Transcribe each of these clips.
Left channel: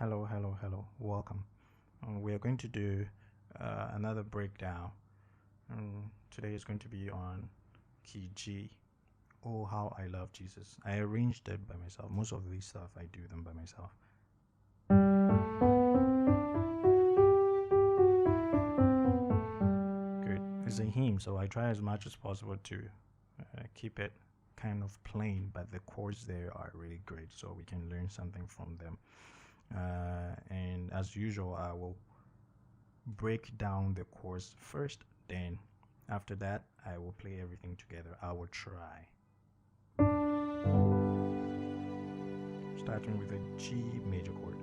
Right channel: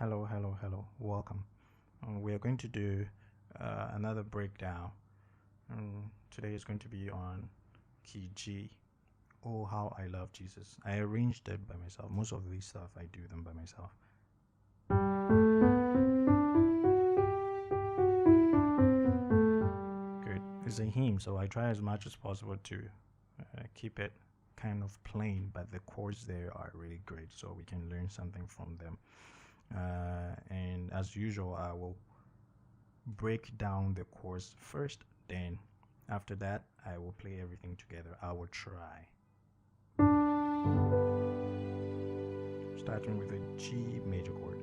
Hello, welcome. We are going to do another breakdown. Today is going to be on key G. Oh, how I love Jesus. I arranged it by myself. Most of these stuff I do them by myself. Good. It's a hymn, so I try as much as possible to keep it kind of plain, but the chords there are really great, so we can learn something from them. And as usual, I will break down the chords first, then after that I will play everything together. I will try. Starting with a G major chord.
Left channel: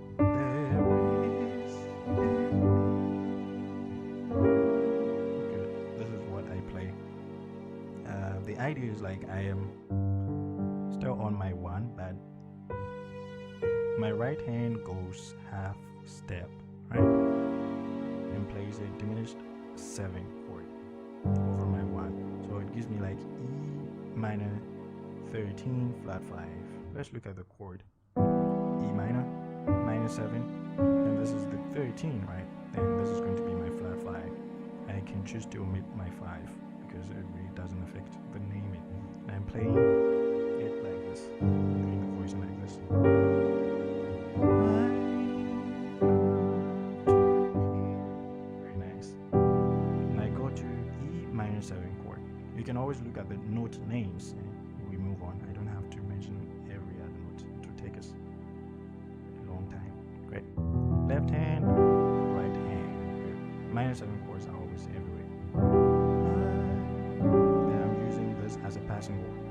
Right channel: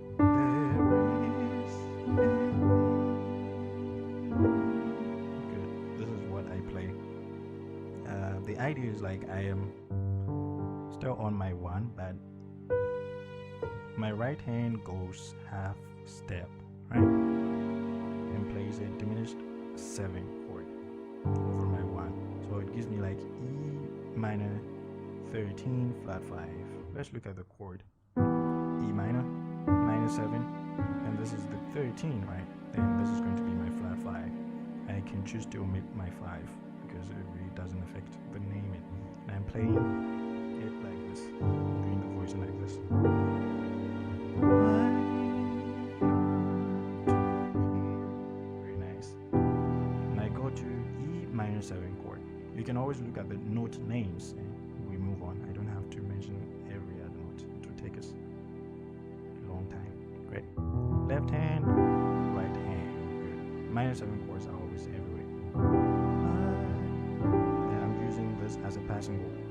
Good. This is what I play. The idea is like I am still on my one, but my right hand goes half step, right? And plays a diminished 7 chord over my 1. So it gives me like E minor 13 flat 5. Let's look at the chord. E minor, minor 7, and this is the 13, right? Then this is going to be my flat 5. I can choose to omit my 5 because it really doesn't affect the naming. And I'm playing it like this, doing the voice like this. Very nice. And I go to E minor 7 chord. You can always look at the note names and we move on. I don't have to mention every other note. It will take us a long time. Great. Left hand, right hand. Good. Minor 7 chords are always everywhere. Then I'm using this as a passing chord.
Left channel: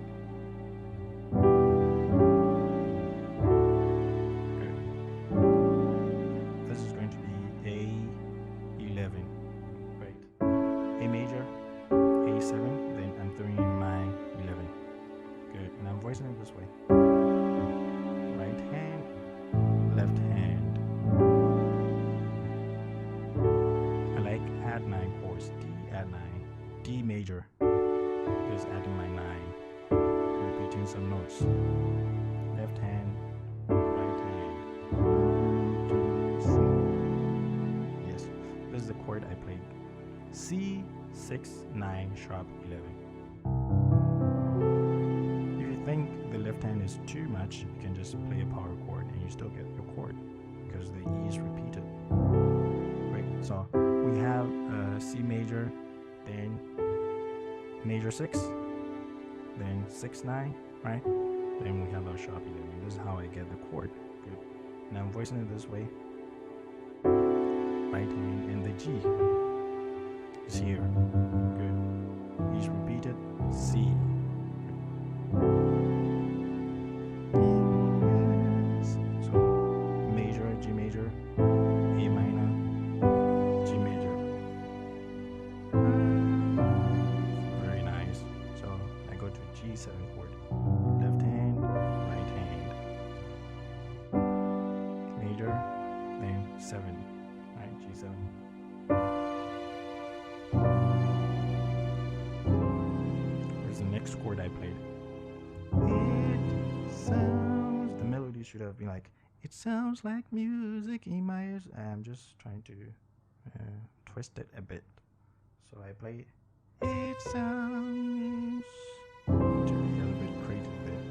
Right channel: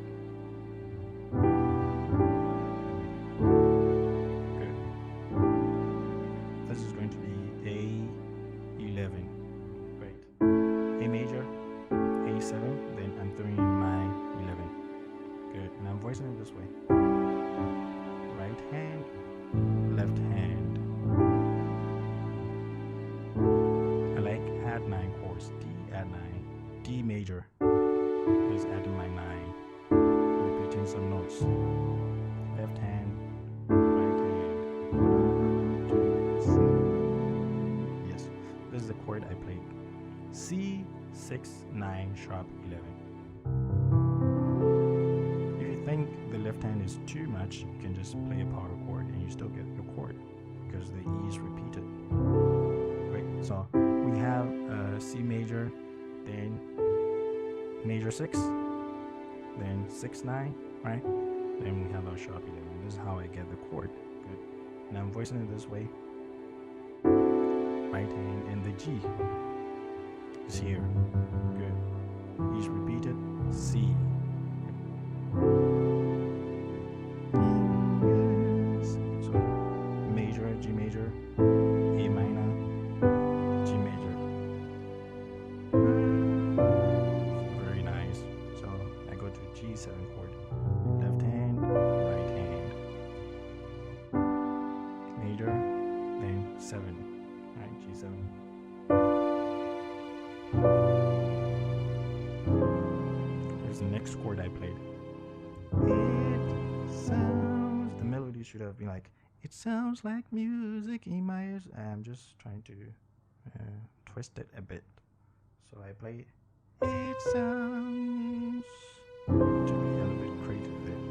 This is going to be A11. Great. A major, A7, then I'm throwing in my 11. Good. And I'm voicing it this way. Right hand, left hand. I like add 9 chords. D, add 9. D major is adding my 9. Repeating some notes. Left hand, right hand. Yes, this is the chord I played. C, 6, 9, sharp 11. If you think the left hand is too much, you can just play a power chord and you still get the chord because the E is repeated. Great, so we have C major, then major 6, then 6, 9, right? Then we have our sharp 11. This is how I get the chord. Good. And I'm voicing it this way. Right hand, and the G is here. Good. E is repeated. C. So major, G major, A minor, G major. Very nice. So I go to G7 chord. Left hand, right hand. Major, then 7. Right, G7. Here's the next chord I played. It sounds, the melody should have been like, it sounds like music in my ears. I'm just trying to twist it a bit. So I play, it sounds, to be a little bit creative there.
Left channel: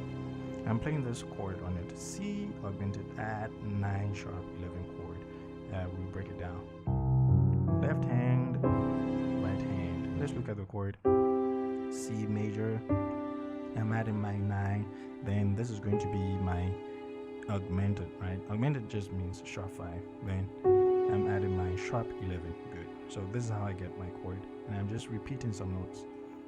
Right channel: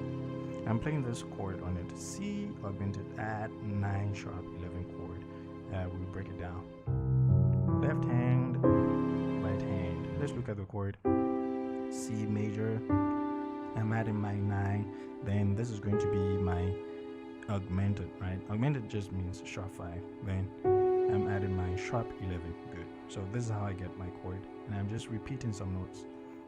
I'm playing this chord on it. C augmented, add 9 sharp 11 chord. We'll break it down. Left hand, right hand. Let's look at the chord. C major. I'm adding my 9. Then this is going to be my augmented, right? Augmented just means sharp 5. Then I'm adding my sharp 11. Good. So this is how I get my chord. And I'm just repeating some notes.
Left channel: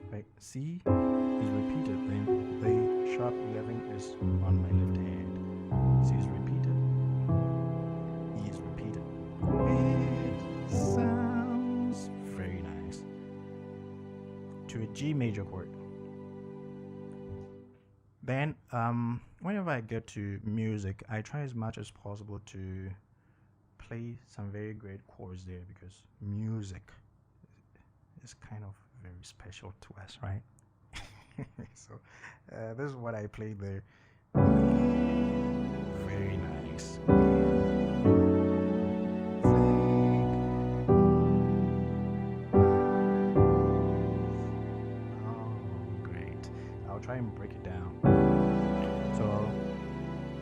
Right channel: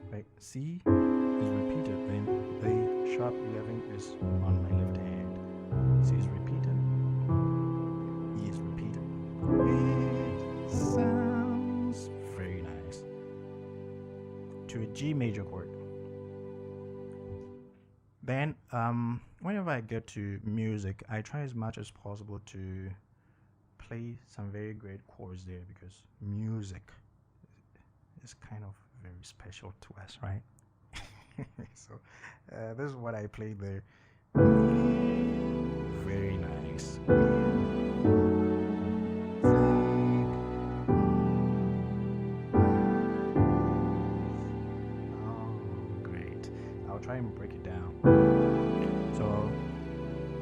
Right? C is repeated. Then the sharp 11 is on my left hand. C is repeated. E is repeated. It sounds very nice. To a G major chord. Then whenever I get to music, I try as much as possible to play some very great chords there because music is kind of very special to us, right? So this is what I played there. Very nice. I'll try and break it down. So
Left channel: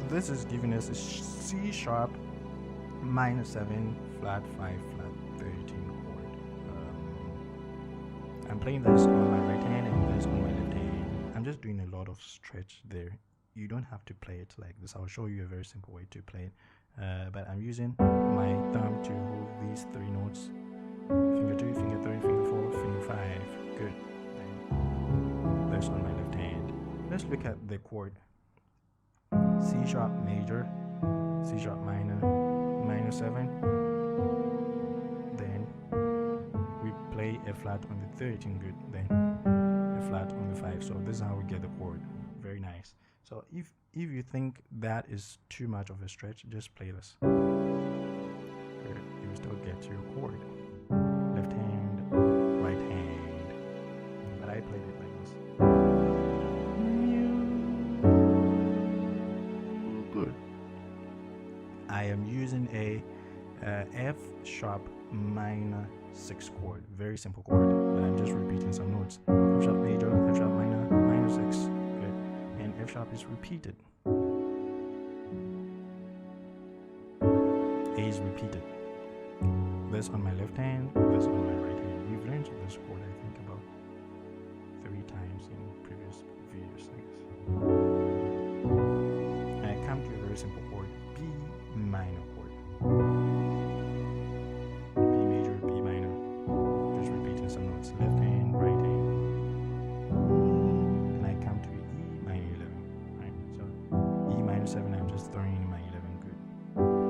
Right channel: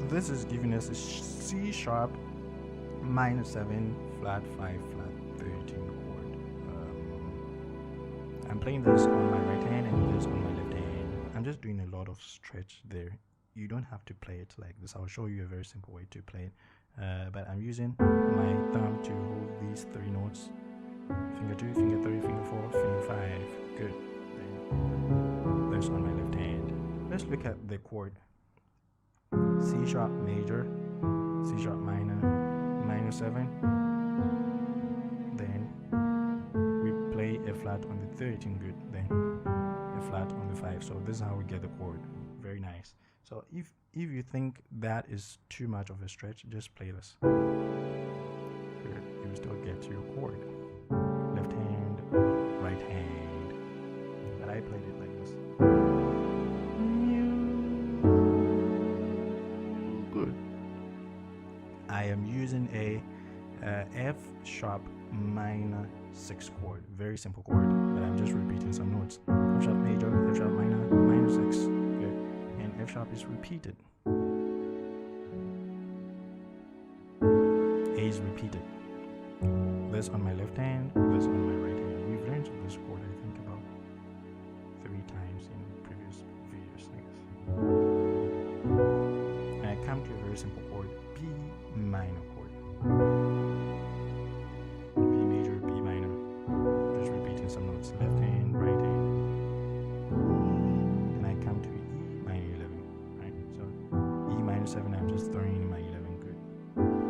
this is giving us a C sharp minor 7 flat 5 flat 13 chord. I'm playing this on my right hand and this on my left hand. I'm just doing a lot of stretch there. You don't have to play it like this. I'll show you a very simple way to play it. But I'm using my thumb to hold these 3 notes. Finger 2, finger 3, finger 4, finger 5. Good. Then this on my left hand. Let's look at the chord. C sharp major, C sharp minor, minor 7. Then we play a flat on the 13. Good. Then a flat on the 5. So this is how we get the chord. Very nice. So if you think that is too much of a stretch, just play this. Good. You will still get your chord. Left hand, right hand. But I played it like this. Good. I am using a F sharp minor 6 chord. Very simple chord, but I'm just repeating some notes. F sharp major, F sharp minor, minor 6. Good. And F sharp is repeated. A is repeated. This on my left hand, this on my right hand. We've learned this chord, I think, about 3 times in previous videos, I guess. And I come to a very simple chord, B minor chord. B major, B minor. Just repeating some notes. Left hand, right hand. And I come to E minor 11, right? So E minor 7, I'm just throwing in my 11, good.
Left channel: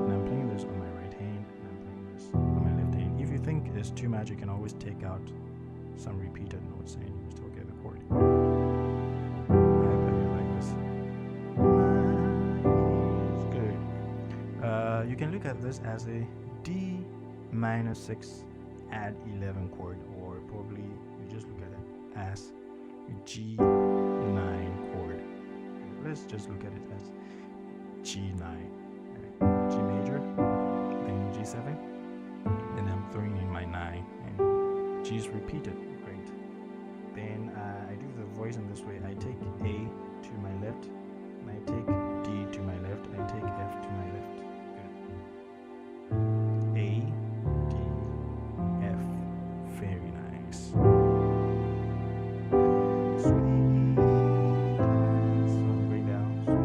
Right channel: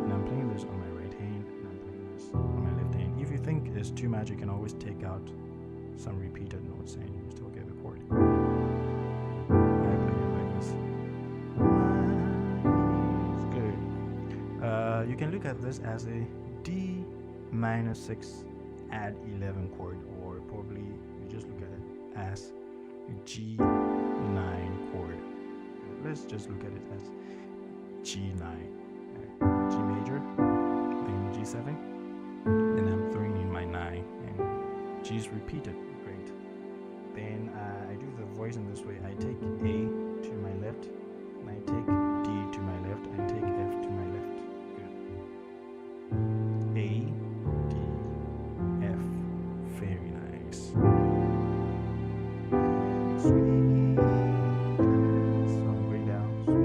And I'm playing this on my right hand, and I'm playing this on my left hand. If you think it's too much, you can always take out some repeated notes and you still get the chord. I play it like this. It's good. You can look at this as a D minor 6 add 11 chord, or probably you just look at it as G9 chord. Let's just look at it as G9. G major, then G7, then I'm throwing in my 9, and G is repeated. Great. Then I do the voice in this way. I take A to my left, and I take D to my left, I take F to my left. Good. A, D, F. Very nice. Sweet. So I'm going down. Sweet.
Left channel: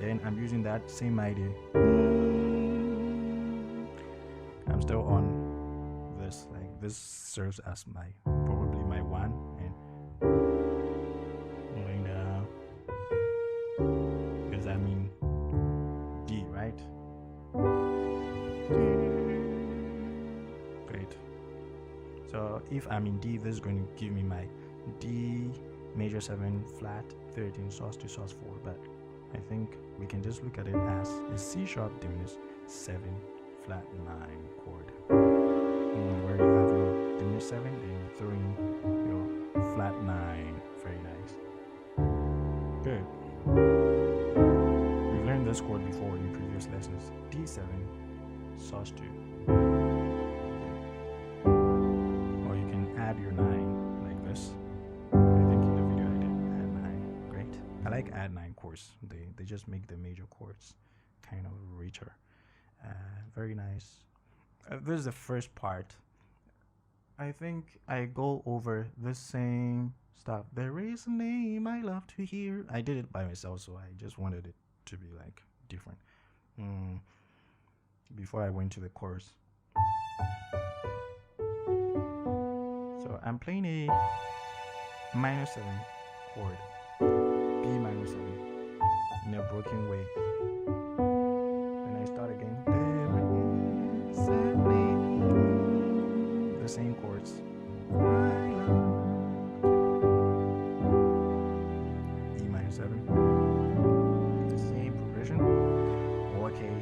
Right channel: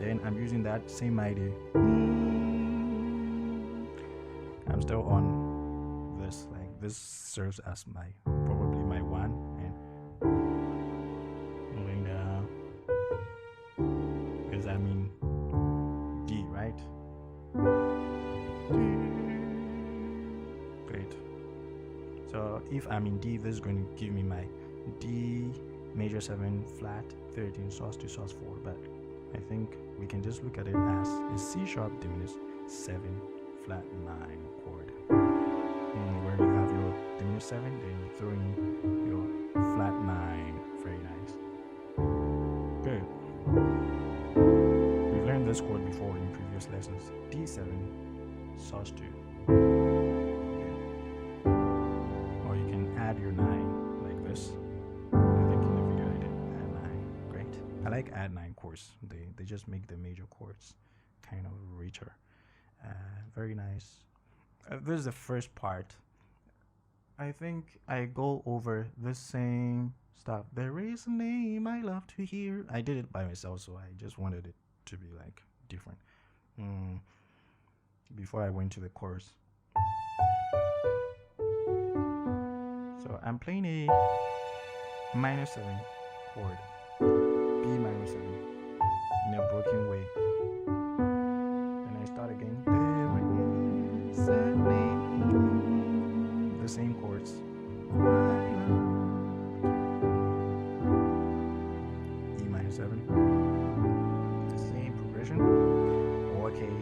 Then I'm using that same idea. I'm still on this, like this serves as my probably my 1, and going down because I'm in D, right? Great. So if I'm in D, this is going to give me my D major 7 flat 13 sus to sus 4, but I think we can just look at it as a C sharp diminished 7 flat 9 chord. Where you have your diminished 7, then you throw in your flat 9. Very nice. Good. We've learned this chord before in previous lessons. D7 sus 2. Or you can add your 9 like this. I think in the video I did add 9. Great. I like add 9 chords. They just make the major chords kind of richer. Very nice. This is the first part. I think I go over the same stuff. There is a name I love to hear. I did it by myself, so I just wanted it to be like different. Before I went to the chorus. So I'm playing a minor 7 chord. B minor 7 in a broken way. Then I start again. The same chords. E minor 7. The same progression. Okay.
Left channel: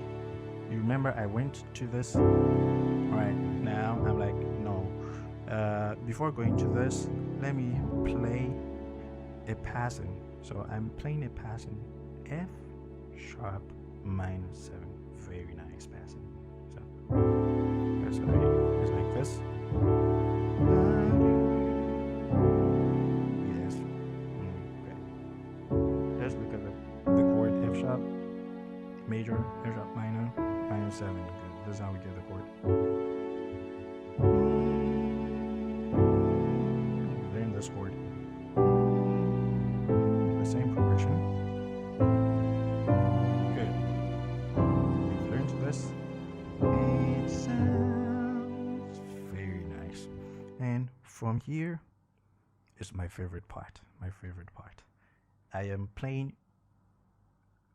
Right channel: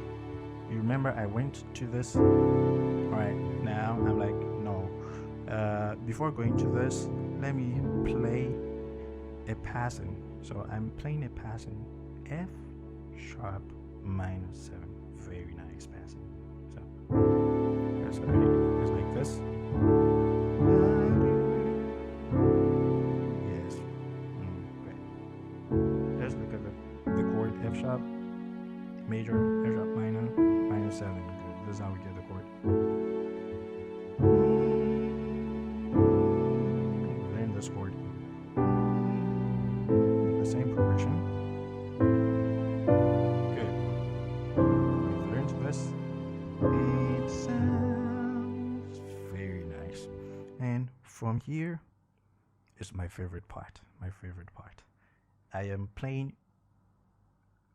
You remember I went to this. Alright, now I'm like, no. Before going to this, let me play a passing. So I'm playing a passing F sharp minor 7. Very nice passing. So it's like this. major, F sharp minor, minor 7. Good. This is how we get the chord. Learn this chord. The same progression. Good. We've learned this. It sounds very nice. And from here is my favorite part. I am playing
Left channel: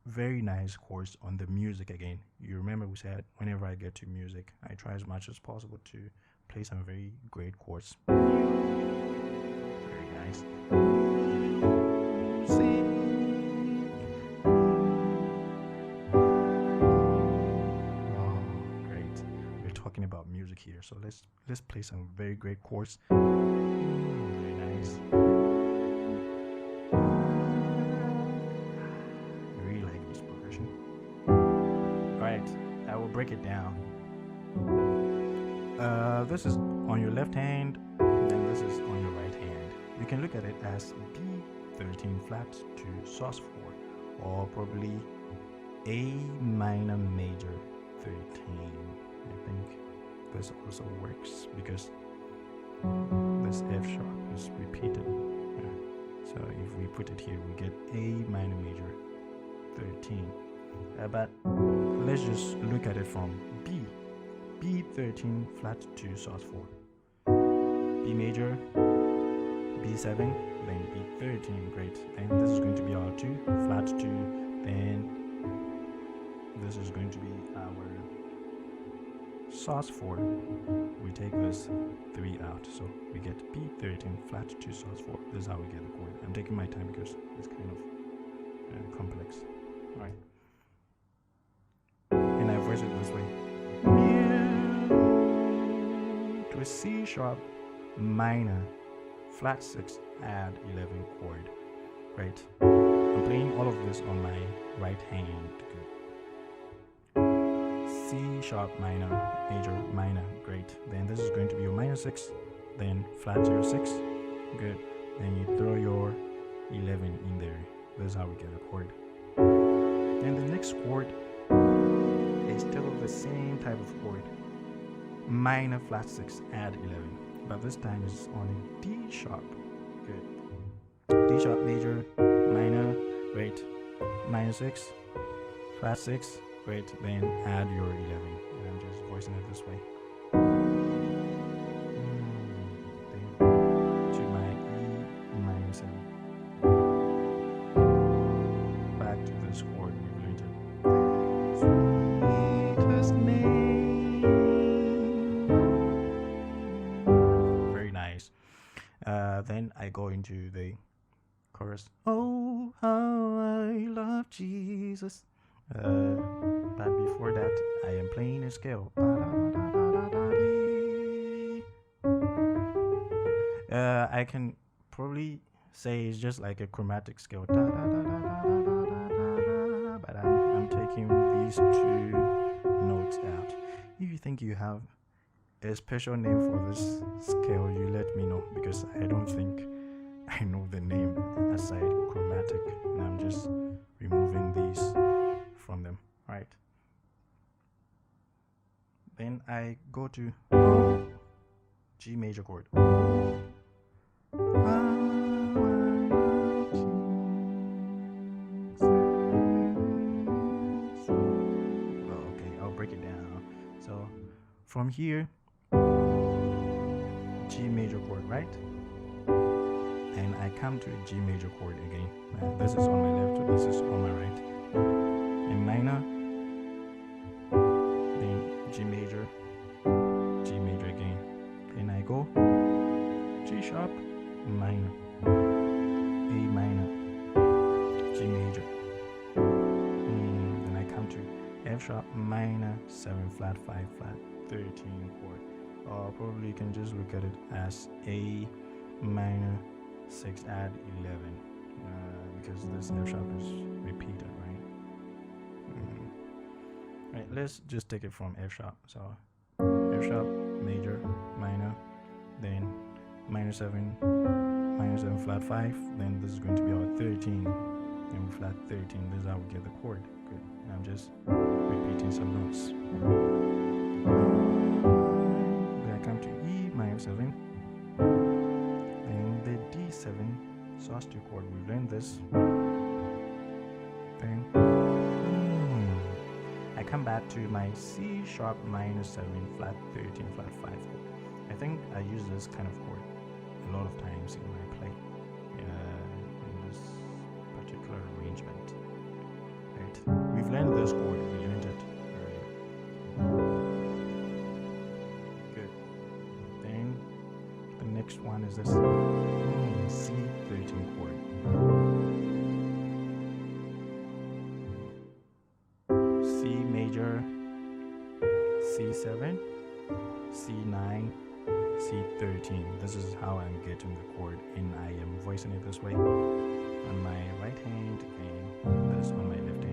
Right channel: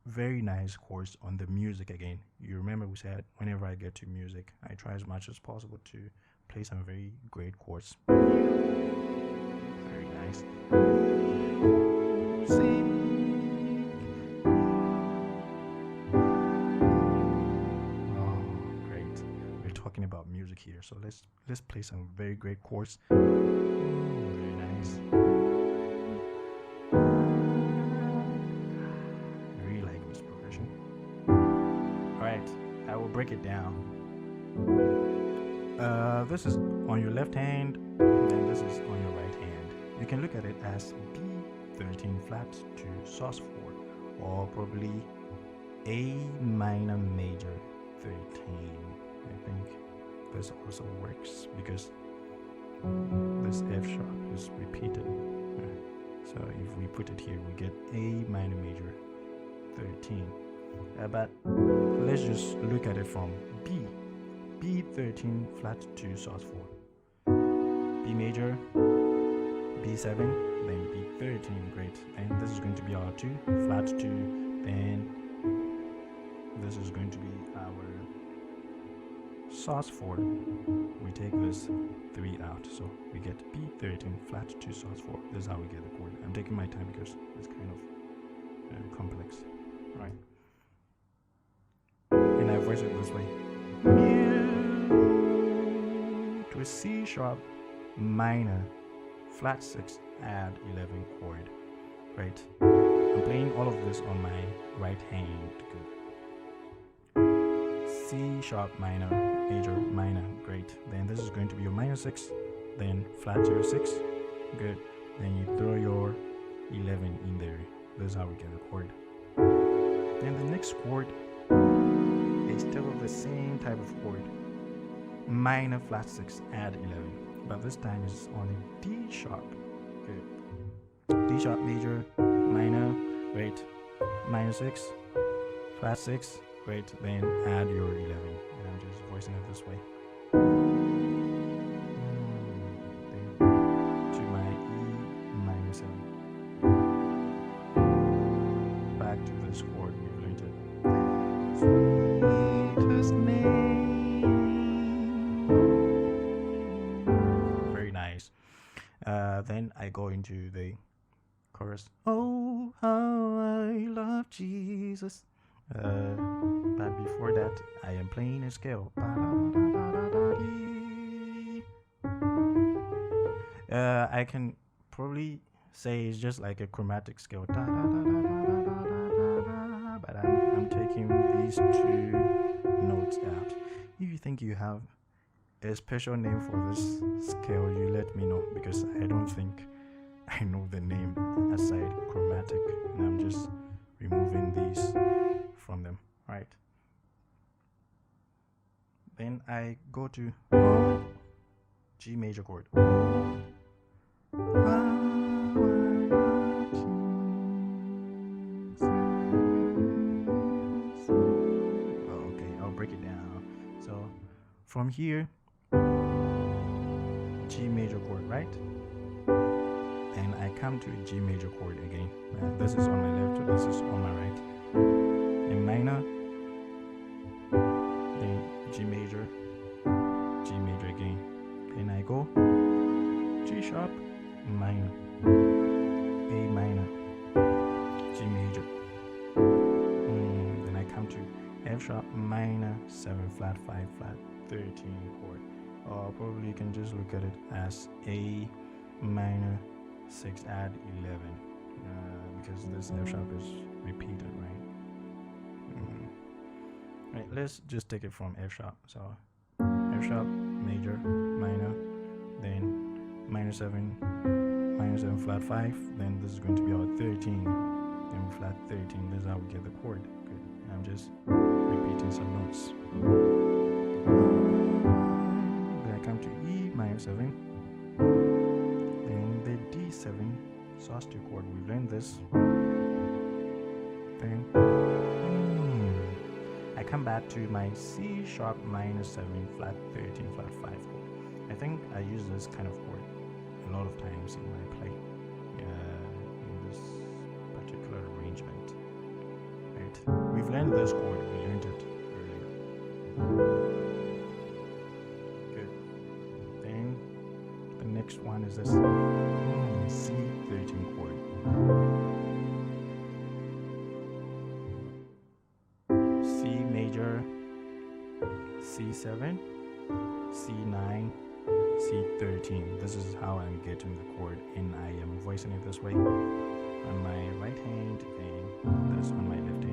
very nice chords on the music again. You remember we said whenever I get to music, I try as much as possible to play some very great chords. Very nice. Music. Oh, great. We're talking about music here, so let's play some very great chords. Very nice. Alright, I will break it down. This is on your left hand, then this is on your right hand. You can look at it as B13 flat to sus4, or probably A minor major 13. I think this also works because this F sharp is repeated. So if we put it here, we get A minor major 13. But let's just look at it from B13 flat to sus4, B major, B7, then B13. Great. And this is going to be our 2 flat 2. Then this is going to be our sus4. We take this 3 out, so we get B13 flat to sus4. This is how we get the chord. I'm taking my time because it's kind of complex. All right. And I voice it this way. To a C sharp minor flat 6 add 11 chord. Right. I'm playing all of this on my right hand. Good. C sharp minor, major, minor. Great. Then this is going to be your minor 6. Then flat to your 6. Good. Then you throw your 11 in there. This is how we get a chord. Then the next chord is still the same type of chord. Minor flat 6 add 11, but this time is on a D sharp. Good. D sharp major, minor, great, minor 6, flat 6, great, then add your 11. And I'm just voicing it this way. Then to my E minor 7. Back to this chord, we've learned it. Sweetest name. Very nice. Then I go into the chorus. Oh, how I love Jesus. But before that, I am playing a scale. I can probably say it's just like a chromatic scale. But I'm taking these 2 notes out. If you think you have a special name for this scale, you let me know, because I don't think I know the name aside chromatic, and I'm just removing these from them. Right. Then I go to G major chord. Break it down. So from here, G major chord, right? And I come to a G major chord again. This is on my left, this is on my right. In minor, then G major again. And I go G sharp, minor, A minor, G major. Then I come to F sharp minor 7 flat 5 flat 13 chord. Or probably you can just look at it as A minor 6 add 11, because this F sharp is repeated, right? Right, let's just take it from F sharp. So F sharp major minor, then minor 7 flat 5, then this is going to be our 13, and flat 13. This is how we get the chord. Good. I'm I'm just repeating some notes. Then I come to E minor 7, then the D7 sus2 chord. We've learned this. Then I come back to my C sharp minor 7 flat 13 flat 5 chord. I think I use this kind of chord a lot of times in my play, in this particular arrangement. Right? We've learned this chord. We learned it earlier. Good. Then the next one is this C13 chord. C major, C7, C9, C13. This is how I'm getting the chord, and I am voicing it this way on my right hand and this on my left hand.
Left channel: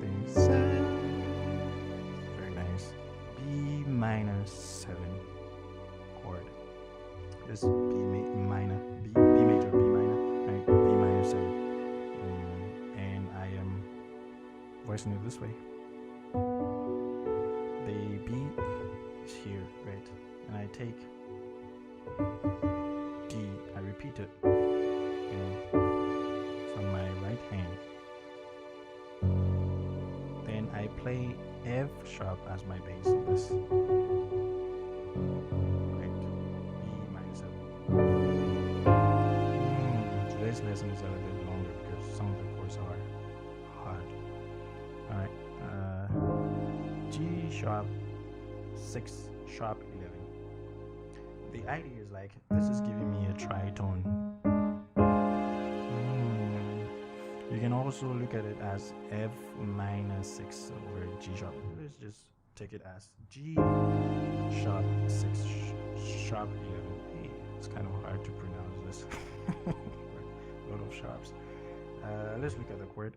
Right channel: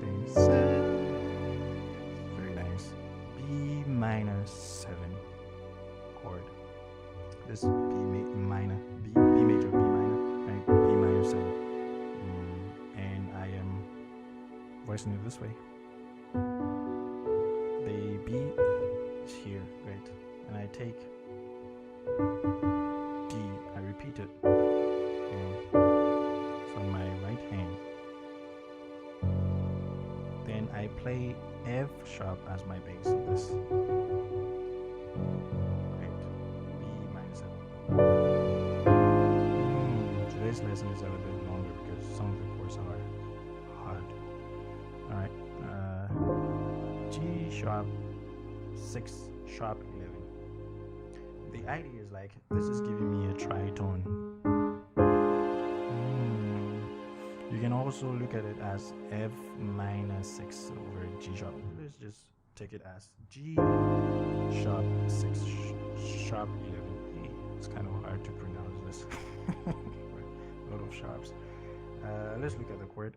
Then very nice. B minor 7 chord. This B minor, B major, B minor, right? B minor 7. And I am voicing it this way. The B is here, right? And I take D, I repeat it, and it's on my right hand. Then I play F sharp as my bass. This, right? B minor 7. Today's lesson is a little bit longer because some of the chords are hard. All right. G sharp 6 sharp 11. The idea is like this is giving me a tritone. You can also look at it as F minor 6 over G sharp. Let's just take it as G sharp 6 sharp 11. Hey, it's kind of hard to pronounce this. A lot of sharps. Let's look at the chord.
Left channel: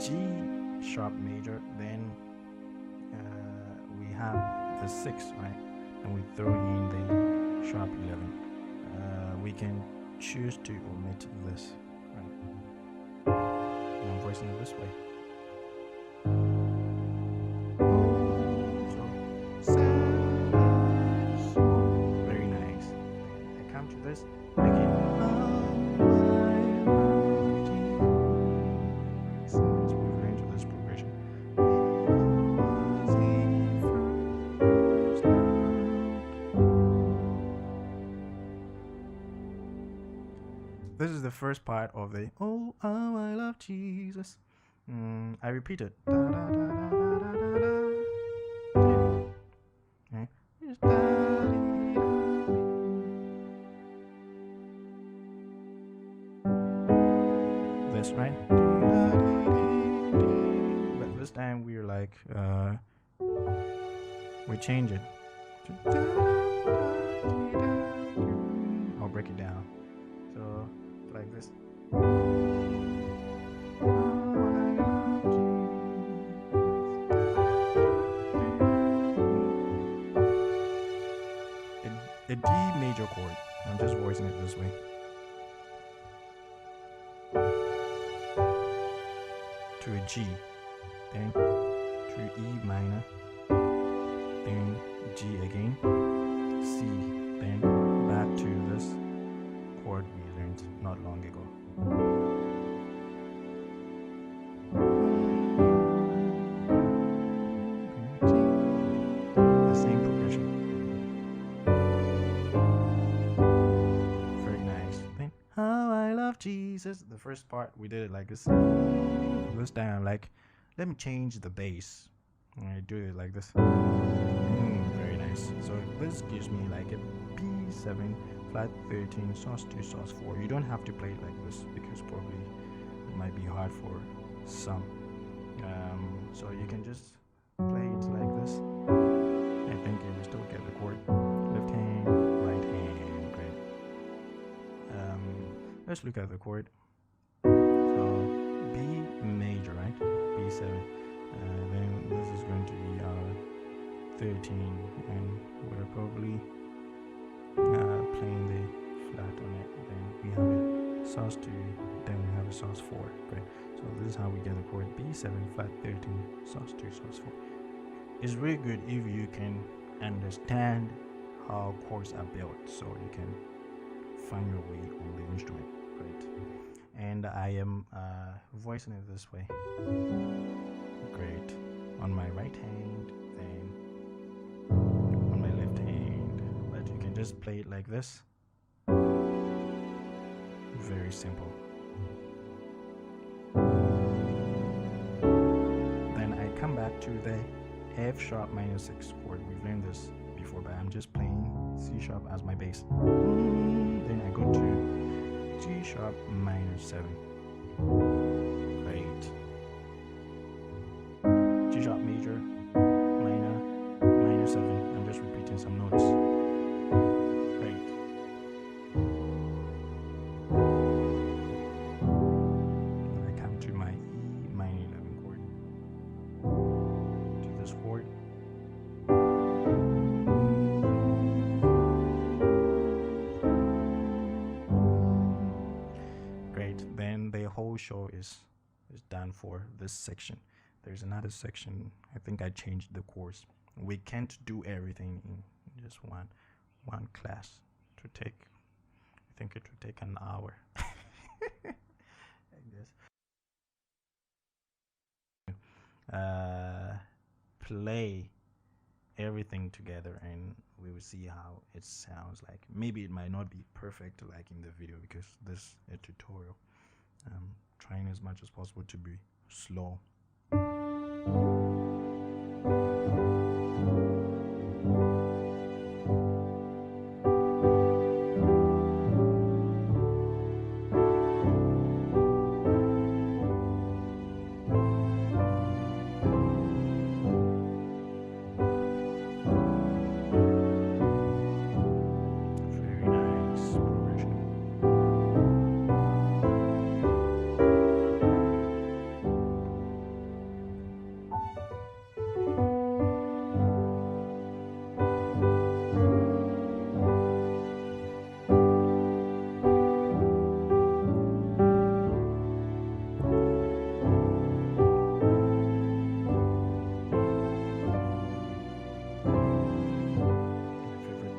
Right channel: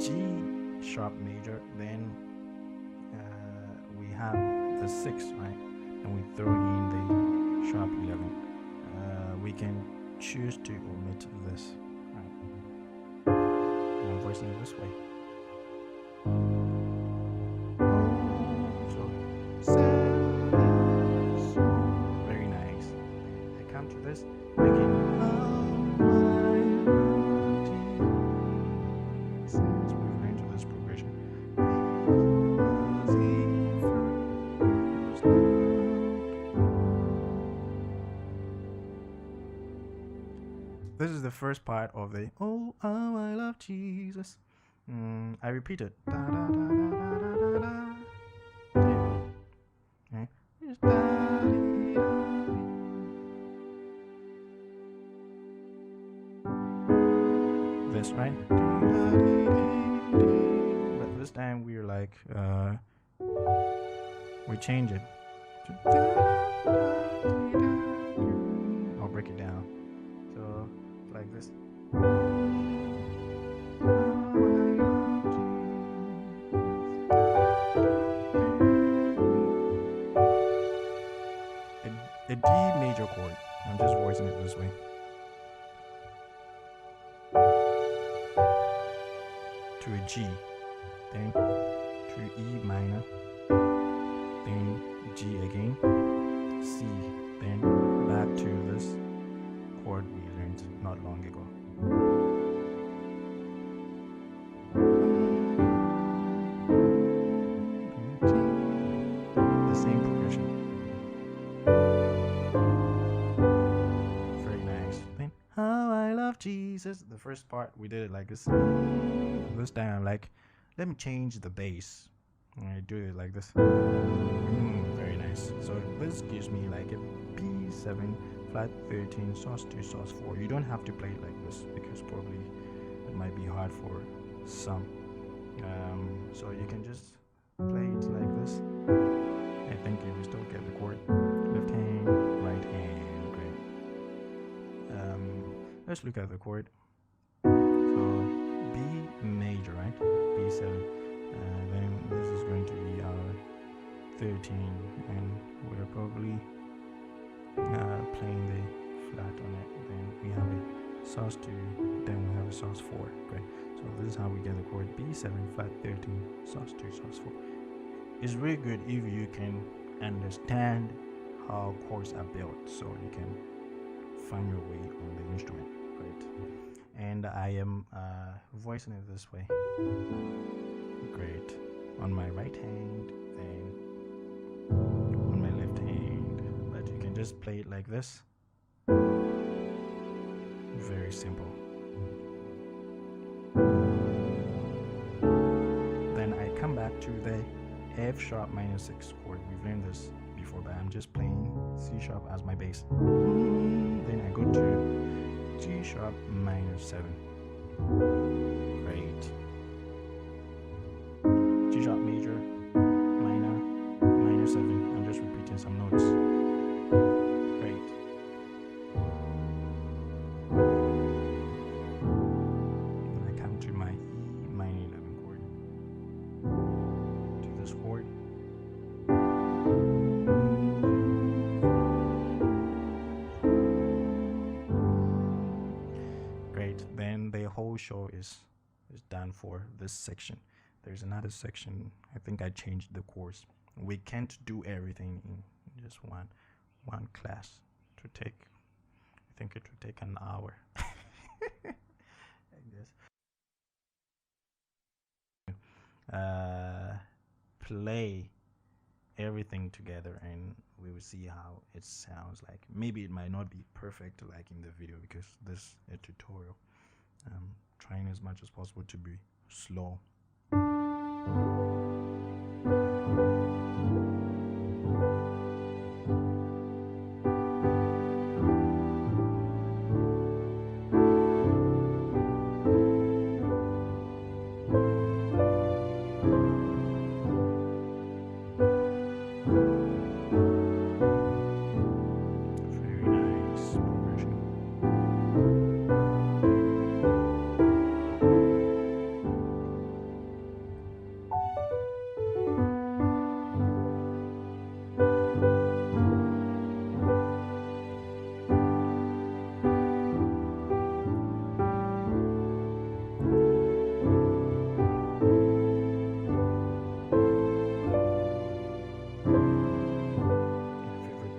G sharp major, then we have the 6, right? And we throw in the sharp 11. We can choose to omit this, right? And I'm voicing it this way. Very nice. I come to this again. We've learned to this progression. This is the first part of the oh I love Jesus. I repeat it. Da, da, da, da, da, da, da, da. Okay. This, right? But this time we're like we change it. I'll break it down. So like this. A D major chord. I'm just voicing it this way. To a G, then to E minor, then G again, C, then back to this chord we learned not long ago. The same progression. Very nice. Then how I love Jesus. The first part we did it like this. This time I'm like, let me change the bass. And I do it like this. Very nice. So this gives me like a B7 flat 13 sus2 sus4. You don't have to play it like this because probably it might be hard for some. So you can just play it like this. I think you will still get the chord. Left hand, right hand. Great. Let's look at the chord. So B major, right? B7. Then this is going to be our 13, and we're probably playing the flat on it. Then we have a sus2, then we have a sus4. Great. So So this is how we get the chord B7 flat 13 sus2 sus4. It's really good if you can understand how chords are built, so you can find your way on the instrument, right? And I am voicing it this way. Great. On my right hand, then on my left hand, but you can just play it like this. Very simple. Then I come back to the F sharp minor 6 chord. We've learned this before, but I'm just playing C sharp as my bass. Then I go to G sharp minor 7. Great. G sharp major, minor, minor 7. I'm just repeating some notes. Great. Then I come to my E minor 11 chord. To this chord. Great. Then the whole show is done for this section. There's another section. I think I changed the course. We can't do everything in just one class. To take, I think it would take an hour. I guess. Play everything together and we will see how it sounds like. Maybe it might not be perfect like in the video because this is a tutorial. Trying as much as possible to be slow.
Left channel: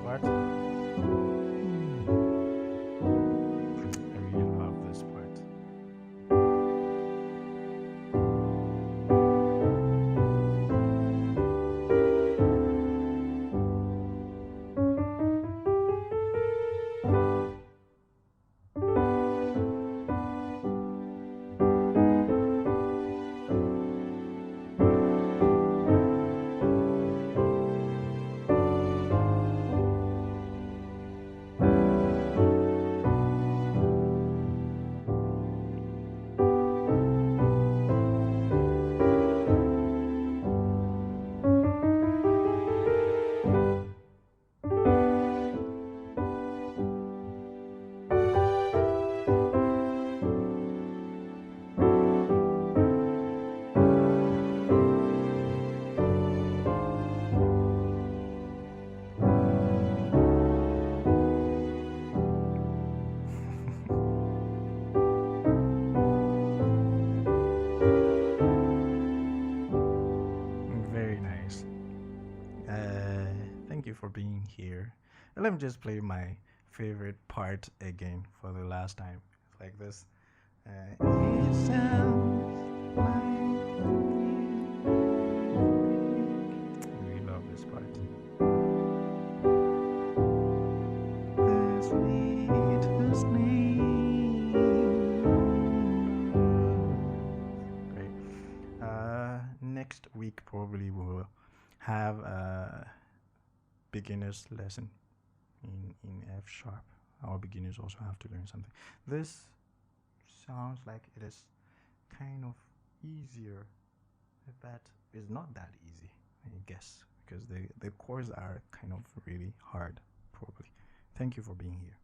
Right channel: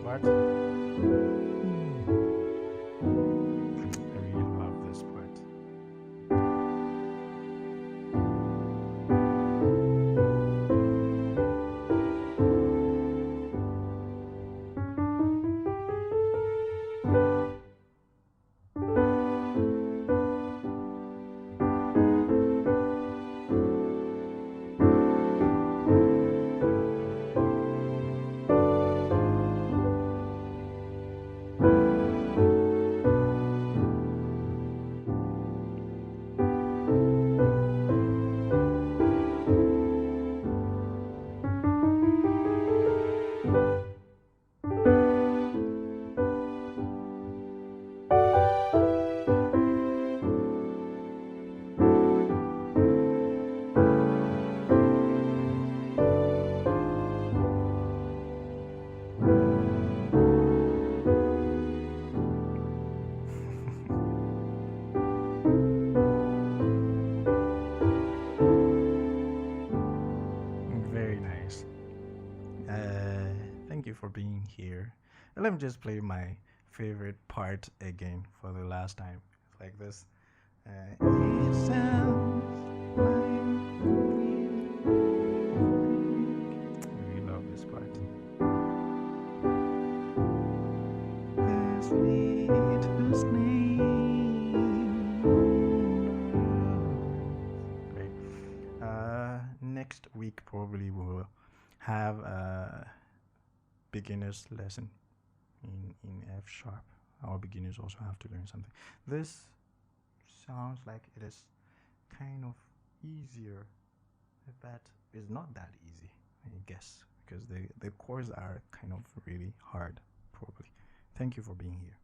part. I really love this part. Very nice. Thank you for being here. Let me just play my favorite part again for the last time. It's like this. It sounds like I really love this part. The sweetest name. Great. Next week probably we'll have a beginner's lesson in F sharp. Our beginners also have to learn something. This sounds like it is kind of easier, but it's not that easy, I guess, because the chords are kind of really hard probably. Thank you for being here.